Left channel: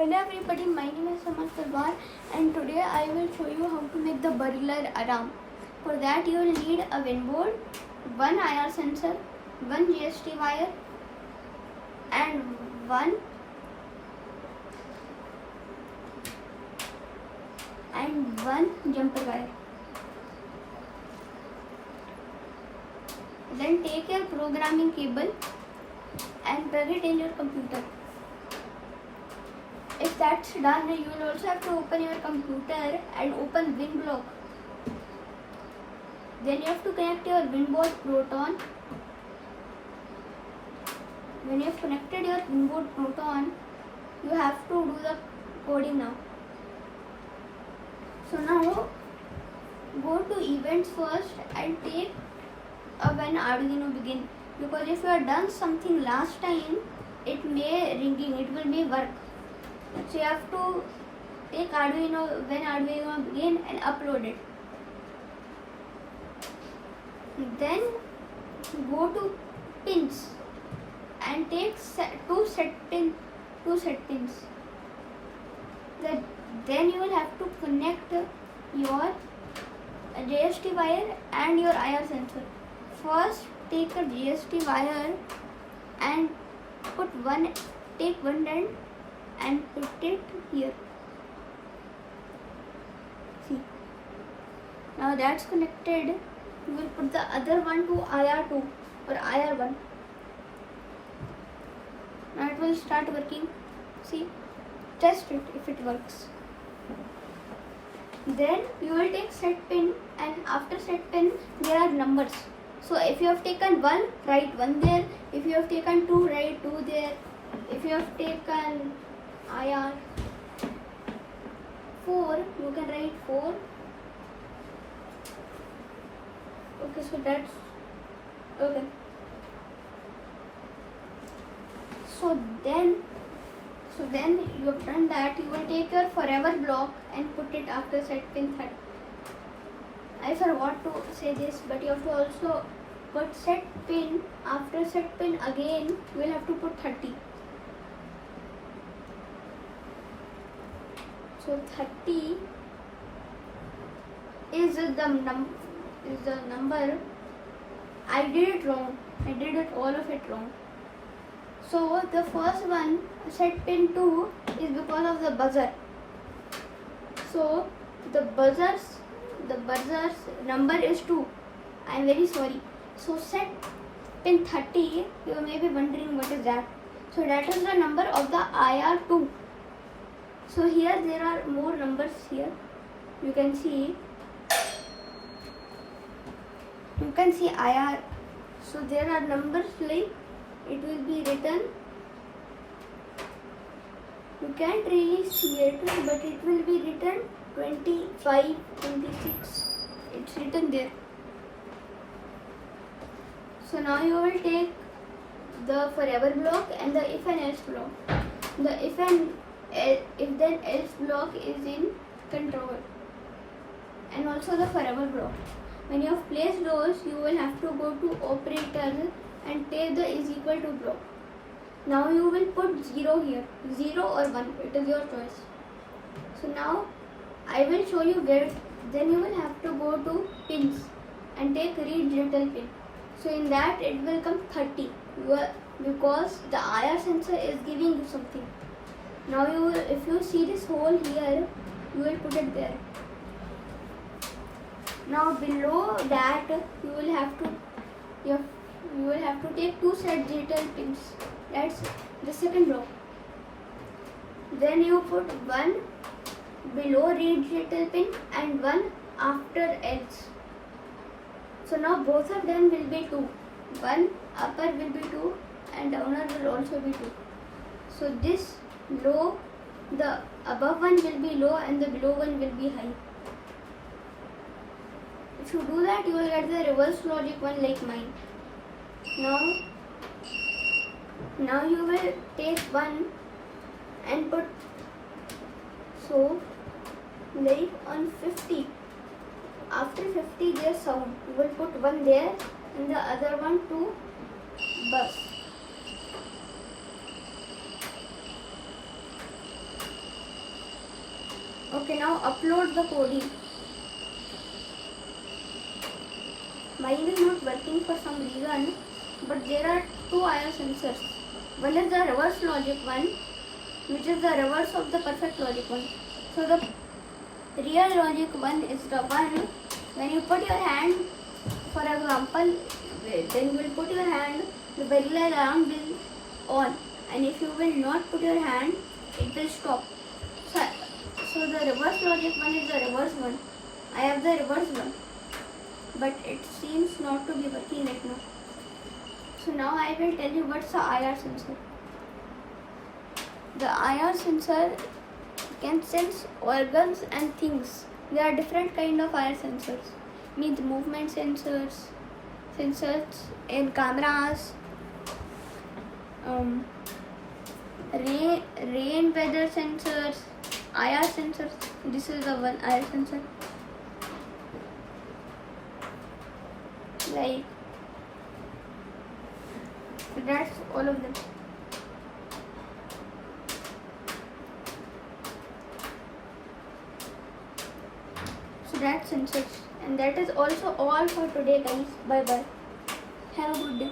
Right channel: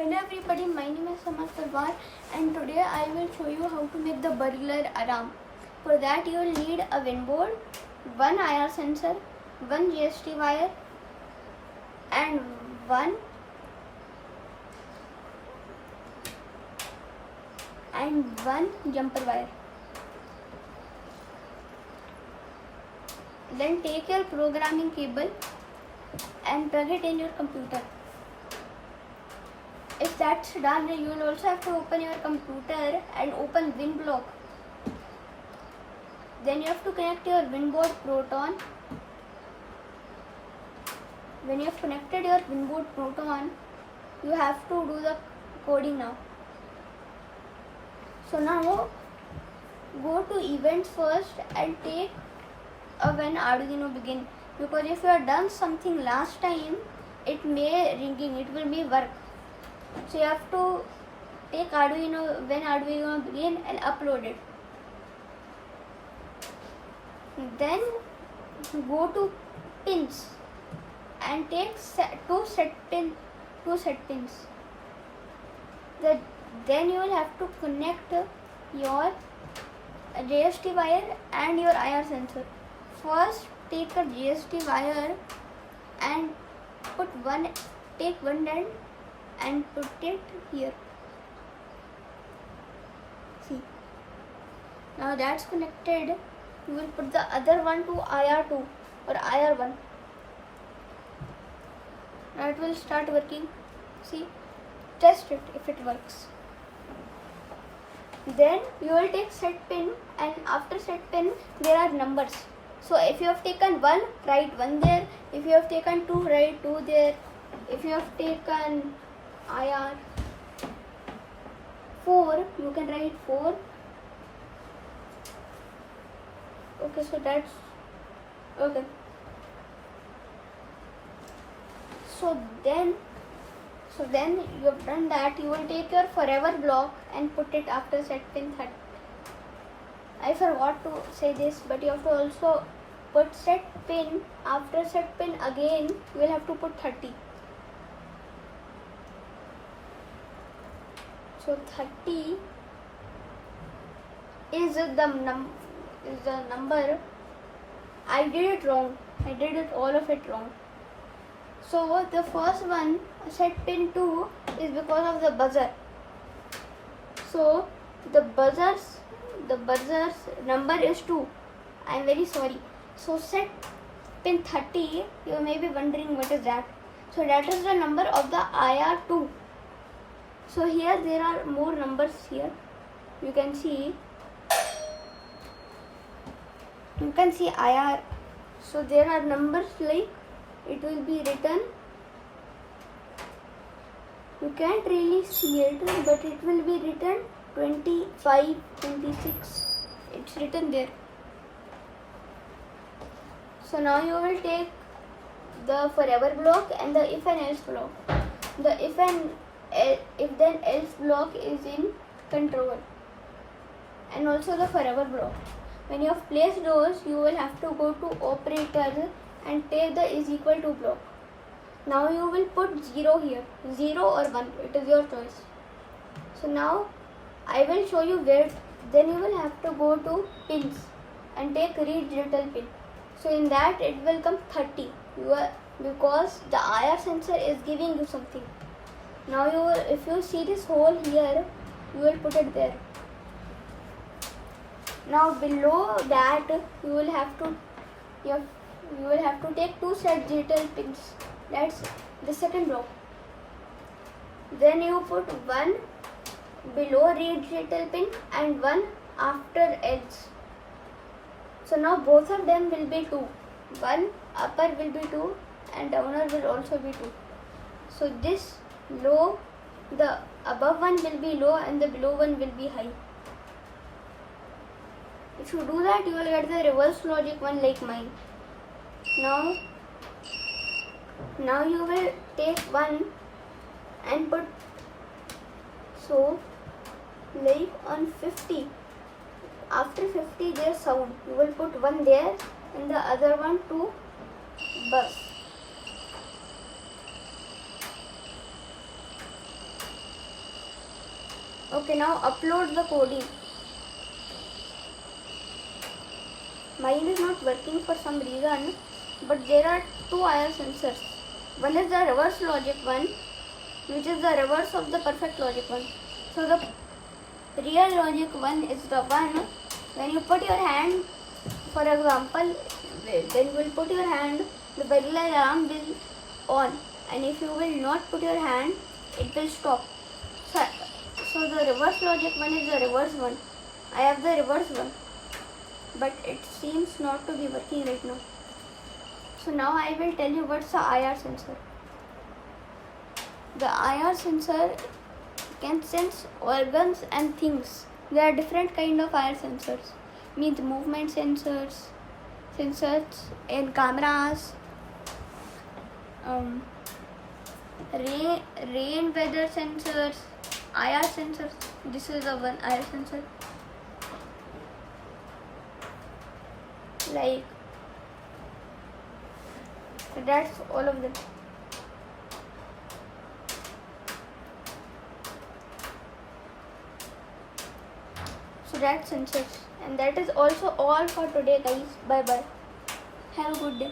Hello everybody, my name is Samad Talwar and today I will show you how to make the burglar alarm. For that you will need a WIN board, one IR sensor, one GST wire and one jumper wire. Then take your programming cable and plug it in your computer. If that's done, you will also have to open your computer and open WIN block. Then you have to connect your WIN board proton. When you have connected your WIN board proton, you have to do the coding now. So now go to events first and take a when Arduino begin, because if you have done something last time, it may ringing, it will be work. So you have to take Arduino when Arduino begin and upload it. Then go to pins and take two set pins. Then you will have to connect your GST wire and your IR sensor. First take a GST wire and take one end and put it here. See, now that's connected. You will put the other one to IR2 or IR1. Now it will start working. See, test it if it works. Then you will take set pin, and after set pin there are numbers. So if you have taken 1, write 1 there. If you have taken 2, write 2 there. If you have taken IR 4, you can write 4. Okay, so that's okay. So then you have done that. You will take your forever block and put it after set pin 30. I forgot to say this, but you have to also put set pin. After set pin again, you will have to put 30. So 30 is the number. I did it wrong. I did it all of it wrong. So the first one, set pin 2, is because of the buzzer. So the buzzer's number is 2. I am very sorry. So set pin 30, you may be wondering what is that. So that is the number of the IR2. So here there are more numbers here. You can see IR. So there are numbers like it will be written. You can't really see it, but it will be written 25, 26. It's written there. So now you will take the forever block and the if and else block. The if then else block is in control, and also the forever block. When you have placed those, you will have to go to operators and take the is equal to block. Now you will put 0 here, 0 or 1, it is your choice. So now I will show you where. Then you will have to go to pins and take read digital pin. So in that it will come 30 because the IR sensor is giving you something. Now if you see this hole here, you will put it there. Now below that you will have to take 2 set digital pins. That's the second block. Then you put 1 below read digital pin and 1 after else. So now both of them will be 2. One upper will be 2 and downer will also be 2. So this low, the above one will be low and the below one will be high. If you do that, you will get the reverse logic one like mine. Now you will take 1 and put, so like on 50. After 50 there's sound. You will put 1 there and the other one to bus. Okay, now upload the coding. Mine is not working for some reason, but there are two IR sensors. One is the reverse logic one, which is the reverse of the perfect logic one. So the real logic one is the one when you put your hand, for example, then you will put your hand, the burglar alarm will on, and if you will not put your hand, it will stop. So the reverse logic one is the reverse one. I have the reverse one, but it seems not to be working right now. So now I will tell you what's the IR sensor. The IR sensor can sense organs and things. There are different kind of IR sensors. Means movement sensors, sensors in cameras, rain weather sensors, IR sensors. This is the one IR sensor. Like that's all of them. So that's sensors, and that is also all for today, guys. Bye bye. Have a good day.